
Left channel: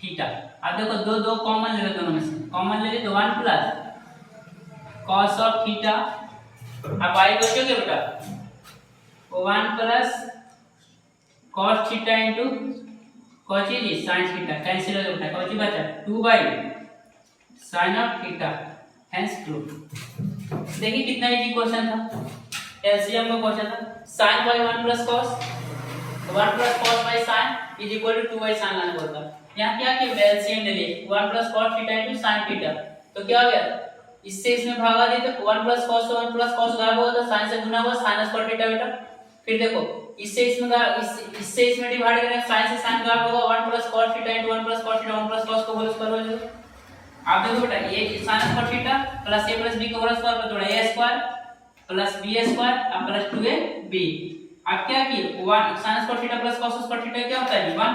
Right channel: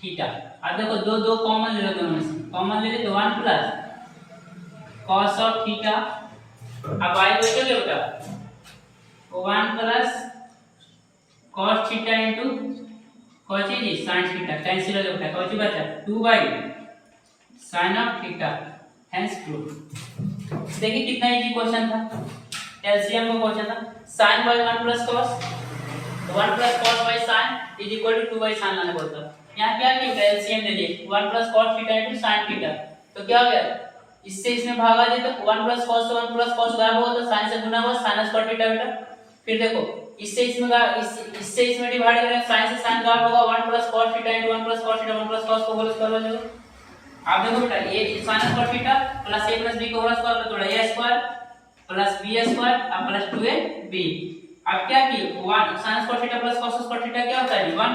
थीटा। अब देखो दो दो कॉमन ले लो, दोनों में से कॉमन ले ली तो 1 प्लस cos ऑफ थीटा, अब y बचोगे बेटा 1 प्लस cos थीटा इनटू कोची जी sin थीटा, कैंसिल हो जाता है, कोची बचा 2 by sin of theta, hence proof. देखिए कितना इजी क्वेश्चन था, एलसीएम का क्वेश्चन था, sin by 1 plus cos, 1 plus cos by sin is equal to 2 by sin आने बोलता। यहाँ क्या किया एलसीएम ले लिए 1 plus cos theta into sin theta, तो क्या हो गया इससे इसमें भागा दे तो 1 प्लस cos गायब होगा तो sin से गुना हुआ sin स्क्वायर थीटा बेटा। फिर देखो इससे इससे इसमें डिवाइड करें sin से sin गायब होगा 1 plus cos theta into 1 plus cos theta 1 plus cos को होल स्क्वायर हो जाएगा। आप देखो बेटा ये sin square theta plus a plus b को होल स्क्वायर कर थोड़ा a square plus b square और प्लस 2ab। अब क्या किए 1 sin square theta plus cos square theta क्या होता है 1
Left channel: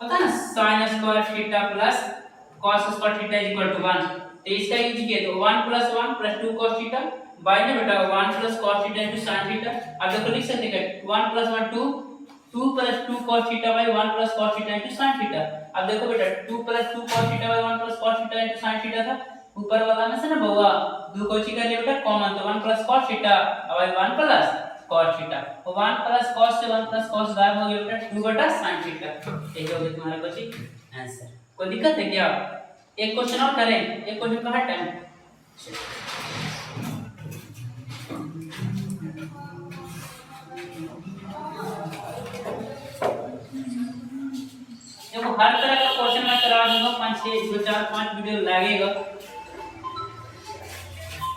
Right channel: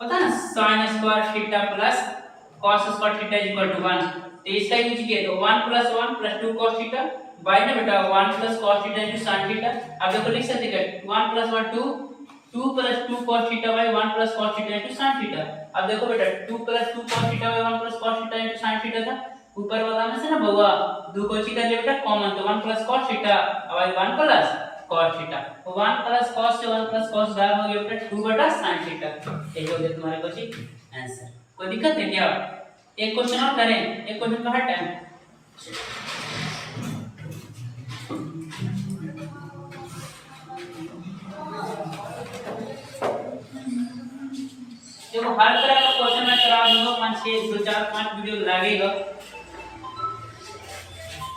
पता है ना sin square theta plus cos square theta equal to 1। तो इसका यूज किया तो 1 plus 1 plus 2 cos theta by ना बेटा 1 plus cos theta into sin theta. अब देखो लिख सकते हैं 1 plus 1 2 plus 2 cos theta by 1 plus cos theta into sin theta. अब देखो बेटा 2 plus 2 cos theta by 1 plus cos theta into sin theta था ऊपर वाला में से ना बउआ दो को ची कर ले बेटा कॉमन तो 1 plus cos theta by 1 plus cos theta तो 1 प्लस cos से 1 प्लस cos गायब हो गया बेटा 2 बटा sin थीटा। ये हो गया तुम्हारा क्वेश्चन आंसर। कोई दिक्कत है क्या? एक क्वेश्चन और करें एक क्वेश्चन का हर टाइम देखो हर तरह का क्वेश्चन मैं करा दूंगा 5 6 2 4 5 वीडियो लगेगा।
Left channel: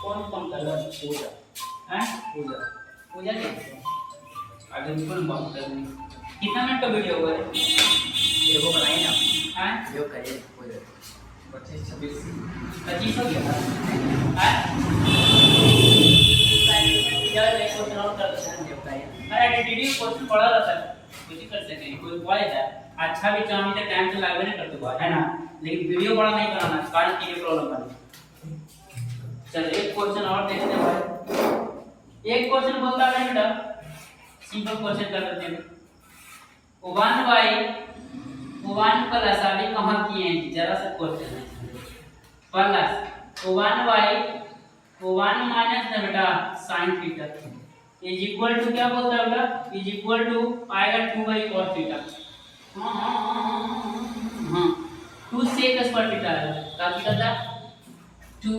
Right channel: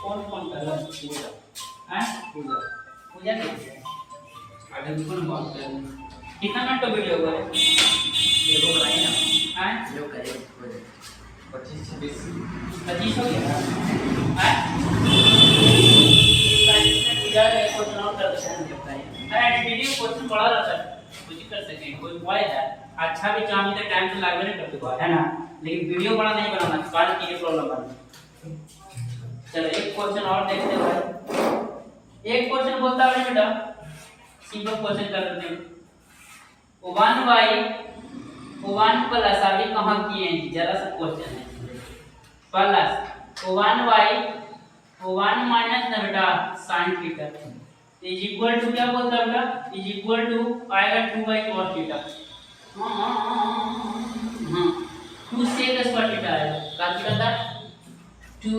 कौन कलर पूजा हैं पूजा पूजा आगे भी कौन करनी कितना मिनट का वीडियो होगा देखो बनाए ना हैं जो करे 25 26 हो गया हैं यार एक क्वेश्चन और कर देते हैं बताइए। अरे आइडेंटिटी क्वेश्चन पढ़ा रहता है कुछ कर सकते हैं कोई पढ़े जाए अच्छा भी चाहे तो टाइम से लागू नहीं करते है ना लेकिन वीडियो बड़ा नहीं बनाना कारण की प्रॉब्लम बनी। चलो एक क्वेश्चन और देखते हैं भाई। एक क्वेश्चन बोलता है बेटा सिंपल क्वेश्चन कर लेते हैं 1 प्लस अभी कहां किए हैं जरा सा क्वेश्चन है प्लस 1 माइनस ना बेटा sin theta is equal to क्या बोलता है बेटा इज इक्वल टू आएगा 2y cos थीटा। हां 2 sec स्क्वायर थीटा आएगा क्या थीटा था 2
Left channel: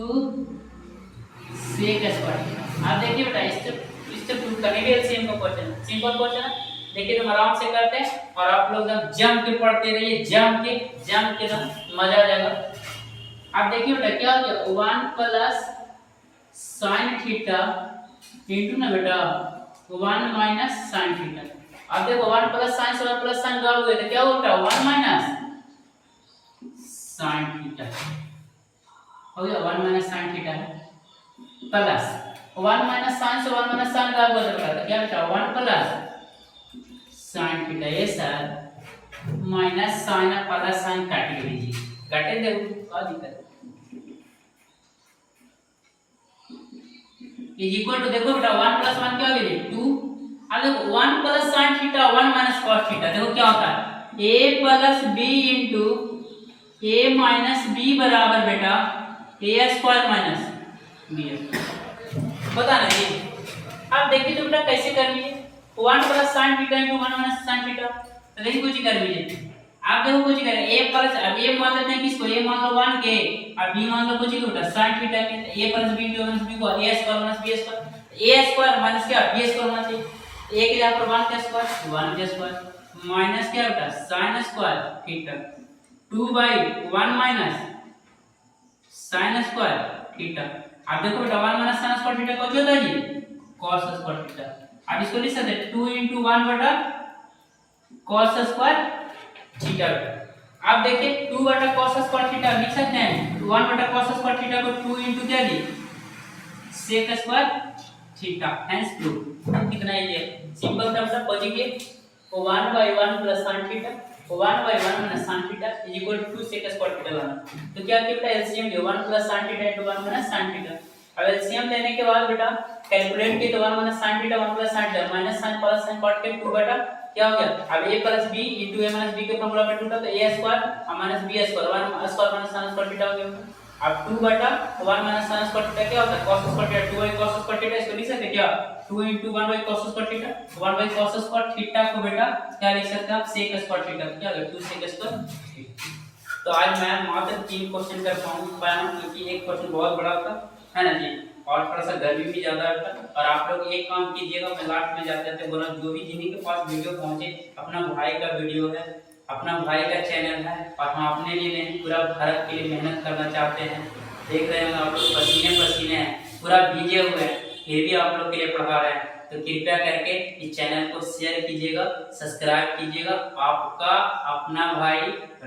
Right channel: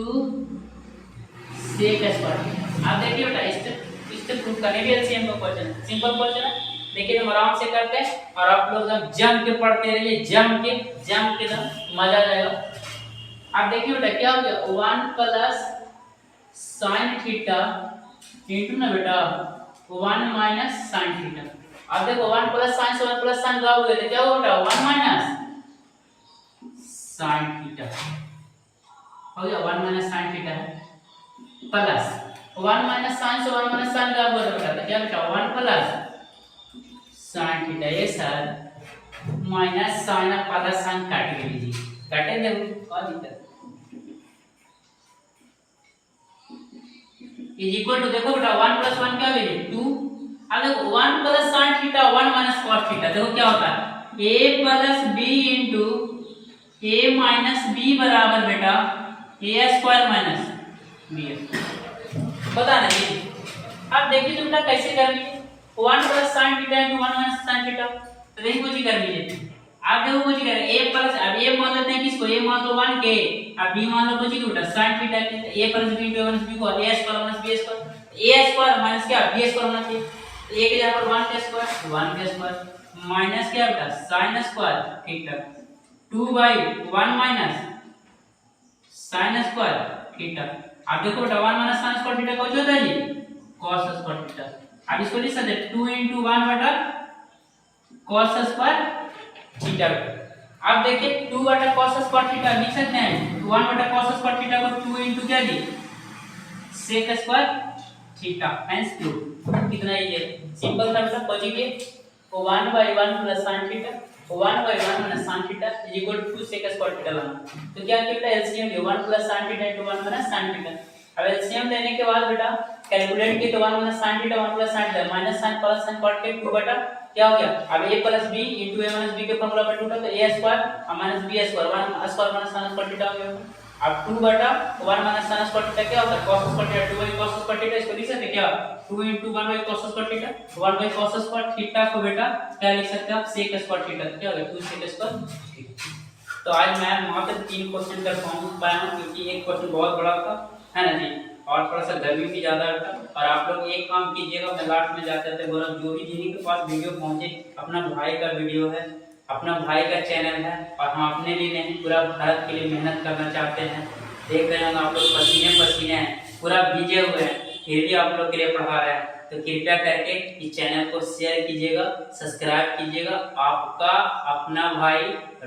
sec स्क्वायर थीटा। आप देखिए बेटा इससे प्रूव करने के एलसीएम का क्वेश्चन सिंपल क्वेश्चन है लेकिन हम आराम से करते हैं और आप लोग एकदम जम के पढ़ते रहिए जम के ना मजा आ जाएगा। आप देखिए बेटा क्या हो गया 1 प्लस sin थीटा इनटू ना बेटा 1 माइनस sin थीटा। अब देखो 1 प्लस sin से 1 प्लस sin गायब हो गया तो क्या होता है 1 माइनस sin थीटा हो गया 1 माइनस sin थीटा है प्लस 1 माइनस sin से 1 माइनस sin गायब हो जाता है क्या बेटा 1 प्लस sin थीटा ये sir minus sin plus sin काट लीजिए काटे देखो क्या दिक्कत इज इक्वल टू देखो बेटा 1 प्लस 1 क्या हो गया 2। अब देखो 1 plus sin theta 1 minus cos theta देखो क्या होता है a plus b into a minus b बराबर बेटा a स्क्वायर माइनस b पता नहीं। अब देखिए तो बेटा कैसे कर लिए 1 plus sin theta into 1 minus sin theta तो यही कुछ कर लीजिए। आप देखो कुछ करें a प्लस अब a मान लेते हैं किसको a मान लो 1 के अब b मान लो कुछ ही बेटा sin थीटा के a plus b into minus b को a square minus b square a square minus क्या b स्क्वायर माइनस a के यहां पर 1 के स्क्वायर माइनस क्या बेटा sin square theta 2/1 minus sin square theta. अब देखो बेटा 1 माइनस sin स्क्वायर थीटा को जो होता है जी cos स्क्वायर थीटा। अब इसको लिख सकते हैं 2 into 1 बटा cos स्क्वायर थीटा। अब देखिए 2 बटा cos स्क्वायर थीटा लिख सकते हैं 1 बटा cos स्क्वायर थीटा को 2 into क्या जी sec स्क्वायर थीटा हेंस 2 कितना ये सिंपल सा मतलब positive 1/1 plus sin theta 1/1 minus sin theta is equal to 2 sec square theta लाना। तो क्या किया एलसीएम ले 1 plus sin theta into 1 minus sin theta. अब एलसीएम लेने के बाद बेटा कैलकुलेट की तो 1 minus sin theta 1 plus sin theta minus sin plus sin cot के 2 बटा क्या हो गया अब a plus b into a minus b के फॉर्मूला पे टूटा तो a स्क्वायर और minus b square 1 square minus sin square theta हो गया। अब 2 बटा 1 माइनस sin स्क्वायर थीटा क्या होता है cos square theta 2 by cos square theta इसको लिख सकते हैं क्या 2 into 1 by cos square theta 1 by cos square theta को बेटा क्या लिख सकते हैं आप sec स्क्वायर थीटा क्या हो गया 2 sec स्क्वायर थीटा। तो आज मैं मात्र 3 क्वेश्चन कर पाया हूं क्योंकि एक क्वेश्चन बहुत बड़ा होता है ना जी और थोड़ा सा गर्मी भी ज्यादा होता और आप लोग एक काम कीजिएगा मैं लास्ट में जाते जाते बोल रहा हूं जो भी जिन्हीं के पास वीडियो पहुंचे अपना भाई का वीडियो है अपना भाई का चैनल है और हम अपने लिए नहीं पूरा भारत के लिए मेहनत करना चाहते हैं देख रहे होंगे आप लोग, पसीने पसीने हैं, पूरा भीगे हुए हैं, फिर भी आप लोग के लिए पढ़ा रहे हैं। तो कृपया करके इस चैनल को शेयर कीजिएगा, सब्सक्राइब कीजिएगा। आपका अपना भाई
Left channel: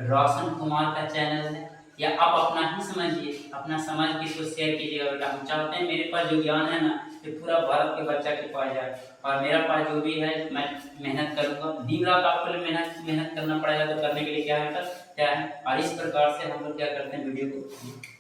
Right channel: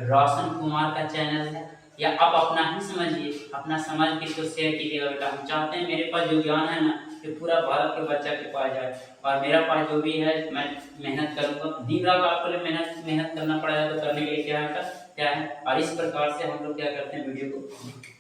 रोशन कुमार का चैनल है, या आप अपना ही समझिए, अपना समझ के इसको शेयर कीजिएगा बेटा। हम चाहते हैं मेरे पास जो ज्ञान है ना, ये पूरा भारत के बच्चा के पास जाए, और मेरा पास जो भी है मैं मेहनत करूँगा। दिन रात आपको लिए मेहनत करना पड़ेगा, तो करने के लिए क्या है, और इस प्रकार से हम लोग क्या करते हैं, वीडियो को